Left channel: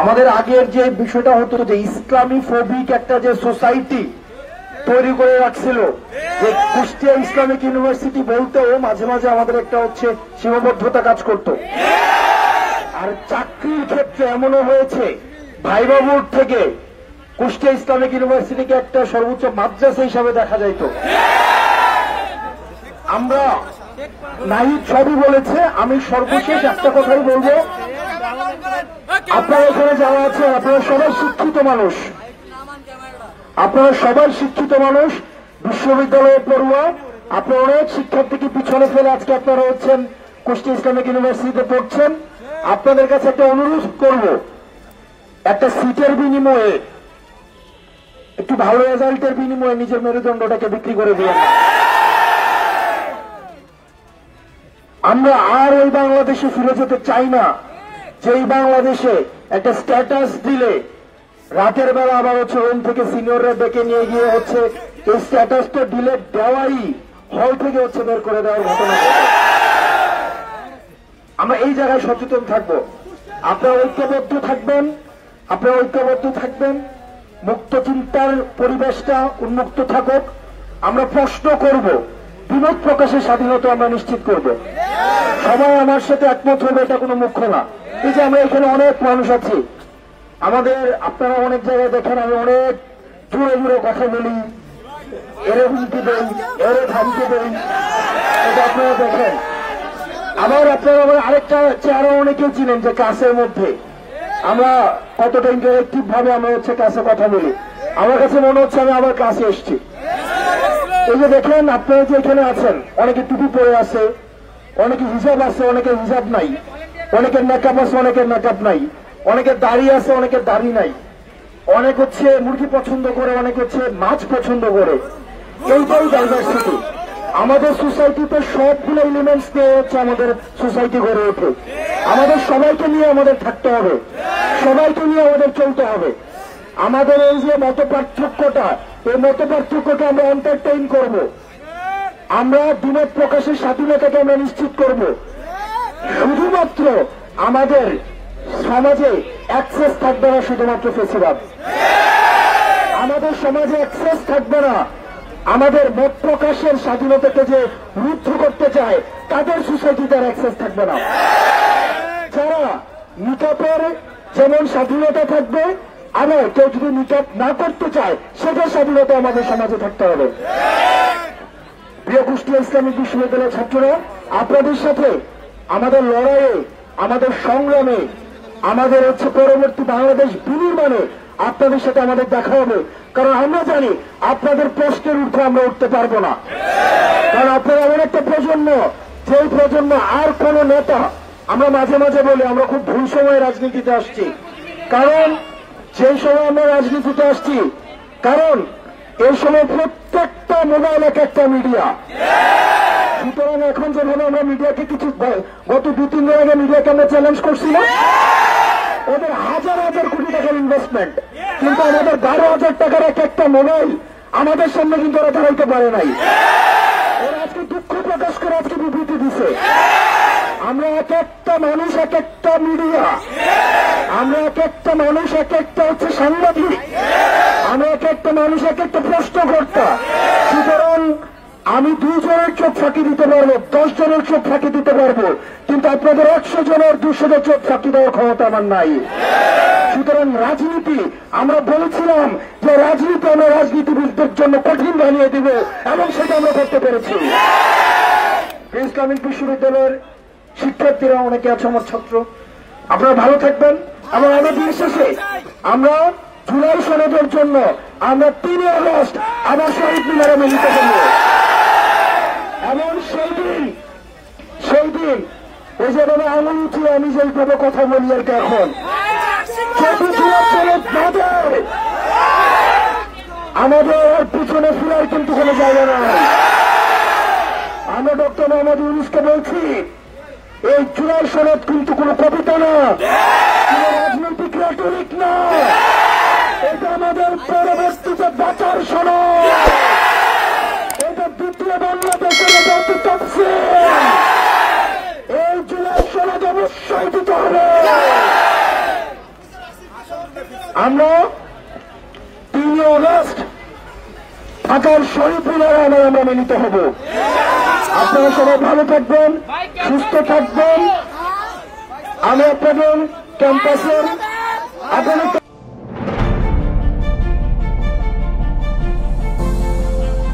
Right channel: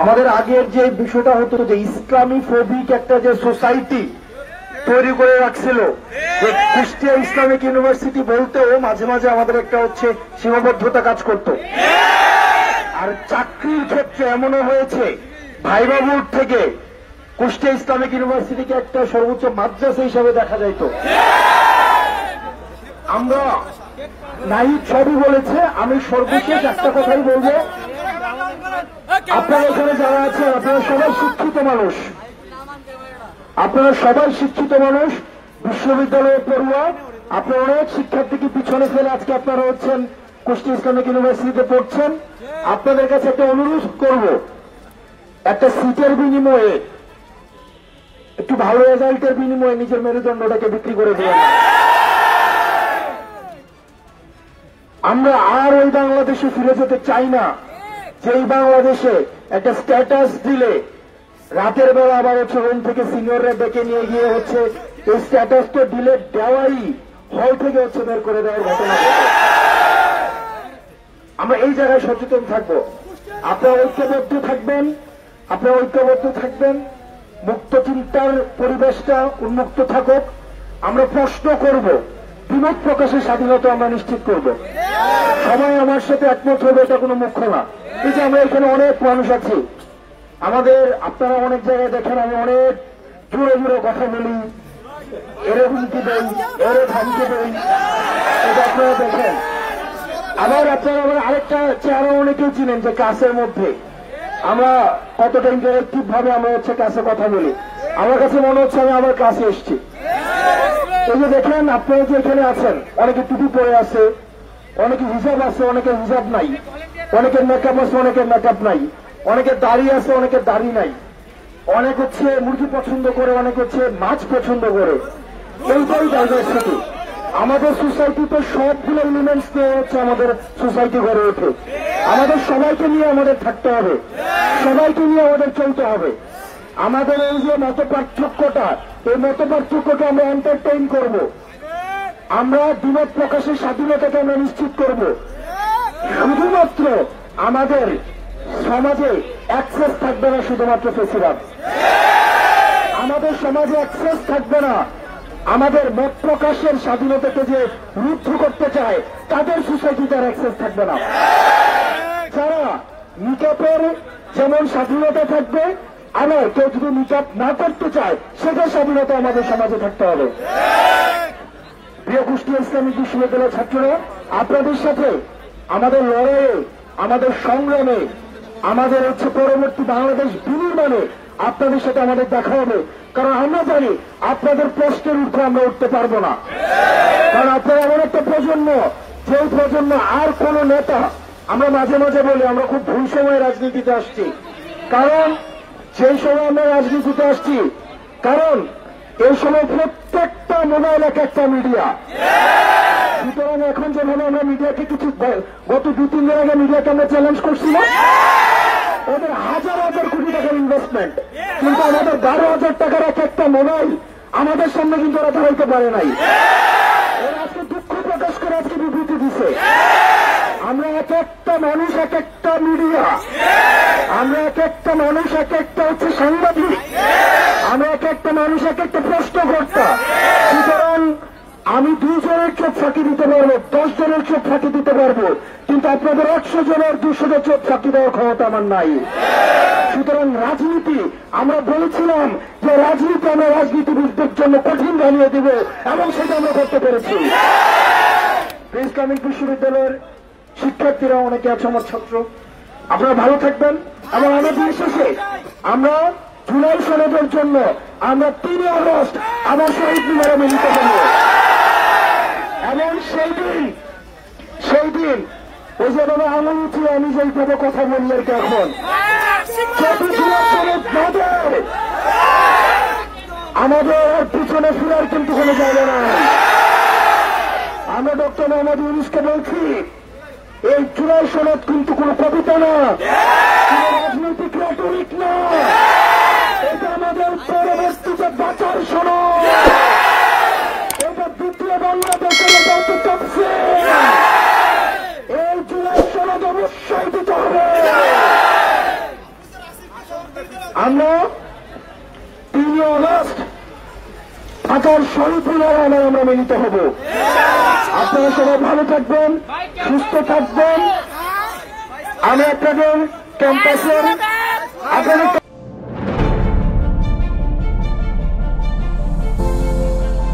আমাদের আগের যে বিষয়টা হতো যে ইসলামী ফোবিক একটা যে সোসাইটি তৈরি করে রাখছিল, যে কুষ্টিয়া ইসলামিক ইউনিভার্সিটি বলতেও মাঝে মাঝে আমাদের একটা হচ্ছে সীমাবদ্ধতা কাজ করত। আর চাকরির ক্ষেত্রে এমনও হয়েছে ভাইবা বোর্ড থেকে কুষ্টিয়া ইসলামিক ইউনিভার্সিটিকে একটা সর্বোচ্চ মাদ্রাসা হিসাবে দেখা যাইত। আমরা নাহিদ সবই বলেছে, আমি সর্বশেষ একটা কথাই বলবো, আপনারা এখানে যারা আছে আপনারা সবাই শিক্ষিত মানুষ, আপনারা সবাই শিক্ষিত মানুষ, বিশ্ববিদ্যালয়ের পড়ুয়া, আপনারা অনেক শিক্ষার্থীকে পিছনে ফেলে আজকে আপনারা হচ্ছেন কুষ্টিয়া ইসলামিক ইউনিভার্সিটিতে পড়ছেন। আপনাদের কাছে একটা অনুরোধ করব, একটা সিটের বিনিময়ে, একটু ভালো রেজাল্টের বিনিময়ে নিজের মেরুদণ্ডটাকে বিক্রি করে দিলেন। আমরা আর ওই বাংলাদেশে ফিরে যেতে চাই না, যেই বাংলাদেশে একটা স্ট্যাটাস দিলে রাতের বেলা আবার হচ্ছে রুম থেকে সিনিয়ররা ডেকে নিয়ে গিয়ে হচ্ছে এই স্ট্যাটাসটা দিলে দেওয়াই হল থেকে হচ্ছে বের করে দেওয়ার ঘটনা। আমরা এই জায়গায় সচেতন থাকবো, আপনারা ঐক্যবদ্ধ থাকবেন, আপনারা ঐক্যবদ্ধ থাকবেন, মুক্ত চিন্তার পরিবেশটা উন্মুক্ত থাকুক। আমরা প্রশ্ন করব, বিমত প্রকাশের স্বাধীনতা আমরা নিশ্চিত করব। সবাই আমার সাথে একমত হবে এটা কোনো মুখ্য না। এই যে আমরা এখানে অনেক মানুষ আছি, আমাদের আপনারা অনেক জায়গায় দেখেন আমি অনেক জোরে জোরে কথা বলি, এরে হুমকি দেই, এরে ধামকি দেই, এটা আপনারা দেখেন। আবার আপনারা আবার আরেকটা চেহারা অনেকেই চিনেন যে ক্লাসের মধ্যে আমরা কতটা ইন্টারেক্টিভ ভাবে আমরা হচ্ছে ক্লাসে কথা বলি। আমার কাছে মনে হচ্ছে আমি আবার ক্লাসে এসছি। এই যে দেখেন আপনারা যে এখানে আছেন, অনেকে টুপি পরে আছে, অনেকে হিজাব আছে, অনেকের হিজাব নাই, অনেকের মেকআপ আছে, অনেকের মেকআপ নাই, অনেকের দাড়ি আছে, অনেকের দাড়ি নাই, অনেক হচ্ছে মুরগি পছন্দ করে, অনেক হচ্ছে মাছ পছন্দ করে। এইটাই ডাইভার্সিটি। আমাদের সোসাইটিতে সবগুলো এলিমেন্টস নিয়ে হচ্ছে আমাদের সোসাইটি গড়ে ওঠে। আমাদের সবাইকে নিয়ে আমাদের থাকতে হবে, সবাইকে নিয়ে আমাদের চলতে হবে। আমাদের এই যে মত পার্থক্যটা, এই মত পার্থক্যকে আমরা এন্টারটেইন করব, আমরা বিমত প্রকাশের স্বাধীনতাকে আমরা নিশ্চিত করব। শুধুমাত্র আমাদের সমাজে অ্যাক্সেস থাকবে না শুধুমাত্র ফেসিবাদ, আমাদের সমাজে অ্যাক্সেস থাকবে না আমাদের মত প্রকাশের স্বাধীনতাকে যে রুদ্ধ করতে চায় তাদের সোসাইটিতে অ্যাক্সেস থাকবে না। যারা নিকাপের যেমন স্বাধীনতা থাকবে, আবার কেউ যদি নিকাপ না করতে চায় সেটার স্বাধীনতা আমাদের সমাজে থাকতে হবে। প্রিয় কুষ্টিয়া ইসলামিক বিশ্ববিদ্যালয়ের ছাত্ররা, আপনাদের সাথে আমাদের লড়াইয়ে, আমাদের সংগ্রামে, আমাদের হচ্ছে পরবর্তী বাংলাদেশ বিনির্মাণে আপনাদের সাথে আমাদের দেখা হবে। কারণ আমরা জানি আপনাদের প্রশ্নের ঊর্ধ্বে আমরা উঠতে পারবো না। কারণ আপনারা এমন একটা প্রজন্ম, যেই প্রজন্ম আর কোন নেতা, আমরা মাঝে মাঝে বলি আমরা খুব ভুল সময় রাজনীতিতে আসছি। কারণ সেই সময় আমরা রাজনীতিতে আসছি কারণ এই সময় প্রত্যেকটা মোবাইল এক একটা মিডিয়া। সুতরাং এখন যেখানে আমরা মিডিয়াকে কিছু গত 2-3 দিন আগে মিডিয়াকে আমরা চ্যালেঞ্জ করছিলাম, ওদের হাজার হাজার কোটি টাকার ইনভেস্টমেন্ট, কিন্তু আমাদের 12,000 টাকার এক একটা মোবাইল আমাদের সামনে কিন্তু ওরা দেখাইতে পারে নাই। ওরা আজকে দুঃখ প্রকাশ করে আজকে বিবৃতি দিছে। আমরা এক একটা মানুষ, এক একটা মিডিয়া, আমরা এক একটা মানুষ, এক একটা হচ্ছে সাংবাদিক, আমরা এক একটা মানুষ, এক একটা প্রশ্নকর্তা। সুতরাং আমি 2 জনের চোখ ফাঁকি দিতে পারবো, 10 জনের চোখ ফাঁকি দিতে পারবো, কিন্তু আপনাদের 100 জনের 200 জন চোখ ফাঁকি দেওয়ার ক্ষমতা আমার নাই। সুতরাং রাজনীতি, আমরা বলেছিলাম যে রাজনীতি আমরা রাজনীতিবিদদের জন্য কঠিন বানিয়ে দিব এবং সেটা আমরা করতে পেরেছি। ইসলামিক বিশ্ববিদ্যালয়ের শিক্ষার্থীরা অনেকে আছে আমার ছাত্র, আপনারা ভালো থাকবেন। এবং আমাদের শেষে আমরা জুলাই সনদের জন্য আমরা 3 আগস্ট আবার শহীদ মিনারে মিলিত হব। এমন সেই দিন ওই যে আমি আঙুল উঠিয়ে আমি যেইভাবে কথা বলি আর কি, এখন আমাদের আর পিছনে ফিরার কিন্তু কোনো জায়গা নাই। আমরা ডক্টর মোহাম্মদ ইউনূসকে বলছি, এই জুলাই সনদ কিন্তু কোন কবিতা না, কোন রাজনৈতিক রেটরিক না, এটা আমাদের পরবর্তীতে বাঁচার সনদ, এটা দ্বিতীয় বাংলাদেশের এই জুলাই সনদ অবশ্যই দিতে হবে। আমরা 3 আগস্ট ঢাকার শহীদ মিনারে আমরা মিলিত হব। আপনারা সবাই ভালো থাকবেন, সুস্থ থাকবেন। আমি আপনাদের ক্যাম্পাসের